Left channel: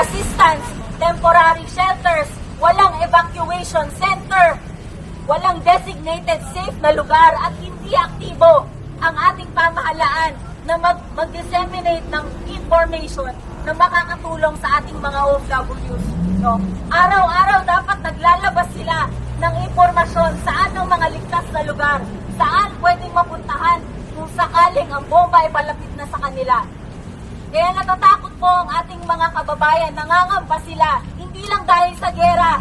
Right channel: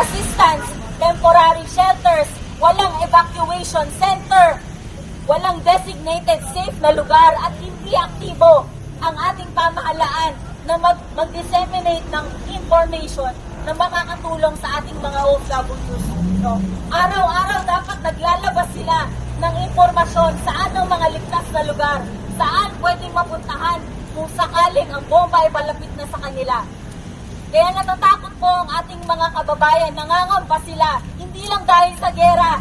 assistance, temporary shelters, walang evacuation center, walang designated safe na lugar at hindi aktibo ang ating pamahalaan na mag- mag-disseminate ng information na makakatulong sa ating mga OFWs. No? Araw-araw dapat naglalabas sila ng impormasyon saan ang mga ligtas na lugar, saan pwedeng mapuntahan kung sakaling ang bomba ay palapit na sa kanila. Kaya natatakot po ang ating mga kababayan, nangangamba sila, hindi lang dahil sa gera,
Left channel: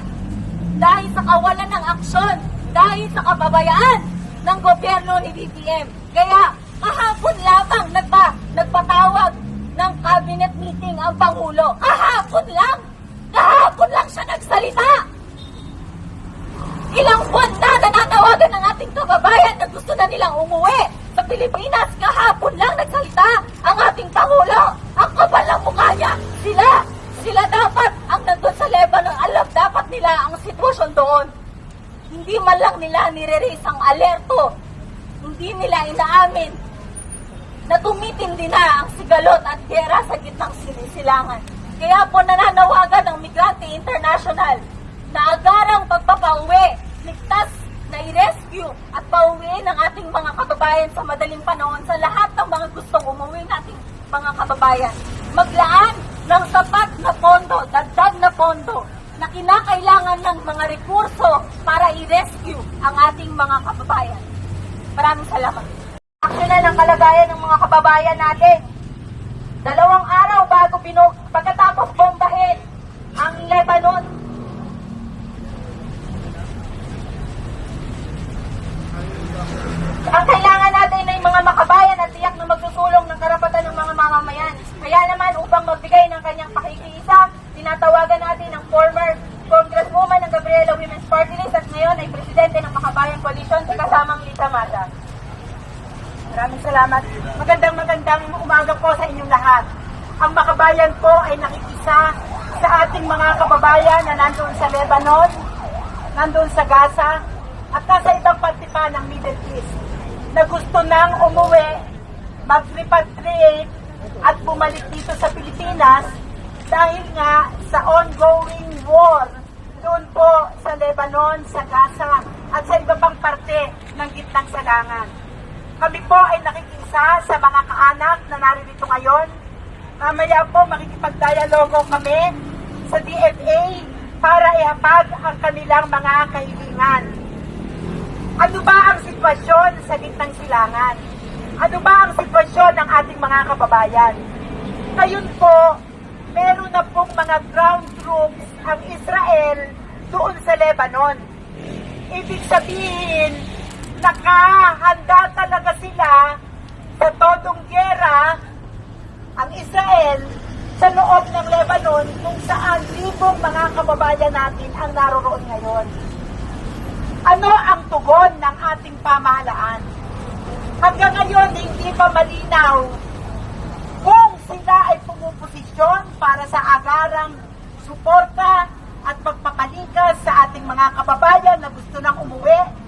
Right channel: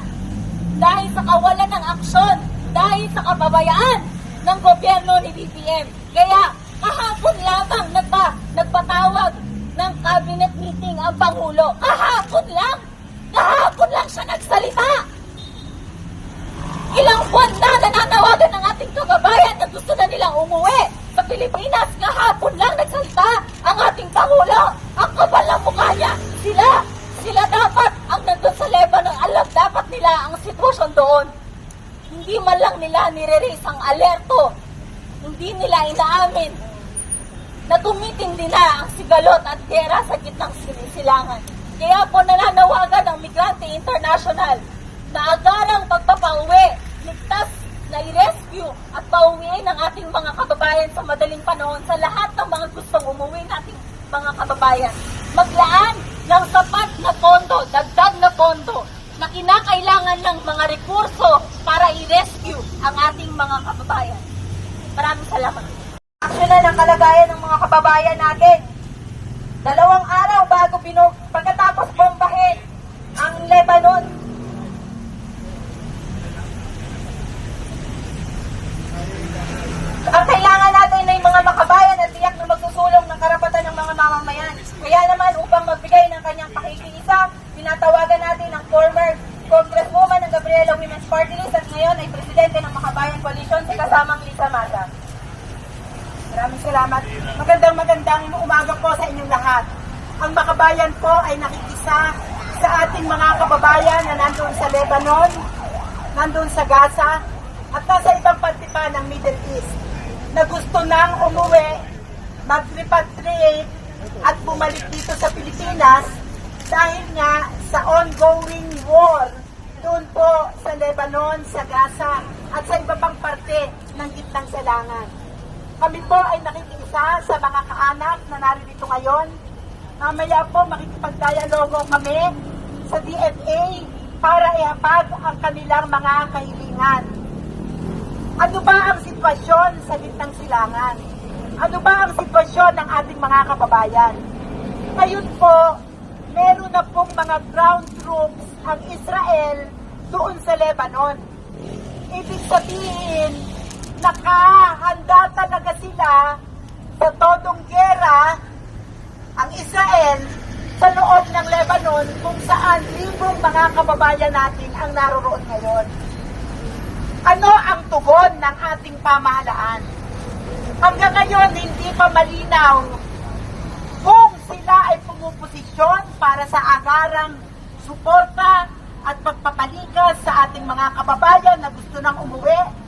dahil sa kawalan ng aksyon, dahil sa kababayaan ng gobyerno ni BBM. Kaya kahapon lamang nagpa, nagpatawag ng cabinet meeting ang Pangulo. Kahapon lang! Kahapon lang siya nagsalita! Ilang buwan na nananawagan ng ating kababayan na gusto na nilang umuwi sa Pilipinas. Kahapon lang nagsalita ating Pangulo. Ang kapal ng mukha niya. Sila, sila dapat ang nandun sa Lebanon. Alam dapat nila ang sitwasyon doon. Hindi man lang nila nire-raise ang alerto. Hindi nila inaamin na tumitindi na ang sigalot at gera sa gitnang sinisilangan. Kaya po nananawagan ang Migrante International na agarang pagpapauwi, ligtas na i-rescue at pauwiin ang ating mga kababayan sa madaling panahon sa lahat ng mga gustong mga kababayan. Maglaan ng sapat na pondo, dagdag na pondo na kinakailangan ng mga rekurso para i-rescue ang ating mga kababayan. Maraming salamat. Aksyonan ang kalagayan ng mga kababayan natin. Dalawang araw bago binu pagkatapos bombahin ang Lebanon. Ang kailangan natin ay mga makabayan at tiyak na magsusulong ng karapatan ng mga mamamayan. Kaya naman upang magbigay ng kanyang pakikiisa, tinatawagan natin ang former Congresswoman ng Gabriela Women's Party List at ngayon ay Presidente ng Makabayan Coalition sa kasamang Lisa Mata. Maraming salamat. Magandang magandang umaga po sa inyong lahat. Ang makabayan po ay nakikisa sa ating mga kababayan na nandun sa Lebanon, nandun sa Gaza, at nasa ibang parte pa ng Middle East na gusto nang umuwi, mag-repatriate at bumalik dito sa Pilipinas dahil nga sa ongoing war doon po sa Lebanon, sa Gaza at sa iba pang parte ng gitnang salangan. Kami po ay nakikinsa sa mga kaanak na naririto ngayon. Mamaya po makikipagdialogo kami sa DFA para ihapag ang kanilang mga kahilingan. Ano ba ang sitwasyon sa gitnang silangan? Ano ba ang sitwasyon ng ating mga kababayan? Ngayon po, meron na pong mga ground troops ang Israel doon sa Lebanon. Ibig sabihin, nakahanda sila sa todong gera ang Israel sa loob ng Lebanon kung saan libong mga kababayan natin ang naroroon ngayon. Ano ang tugon ng ating pamahalaan? Hanggang ngayon, hindi pa malinaw kung sila ay pumuposisyon para sa agarang suporta at pagpapalikas sa ating mga kababayan na gusto nang umuwi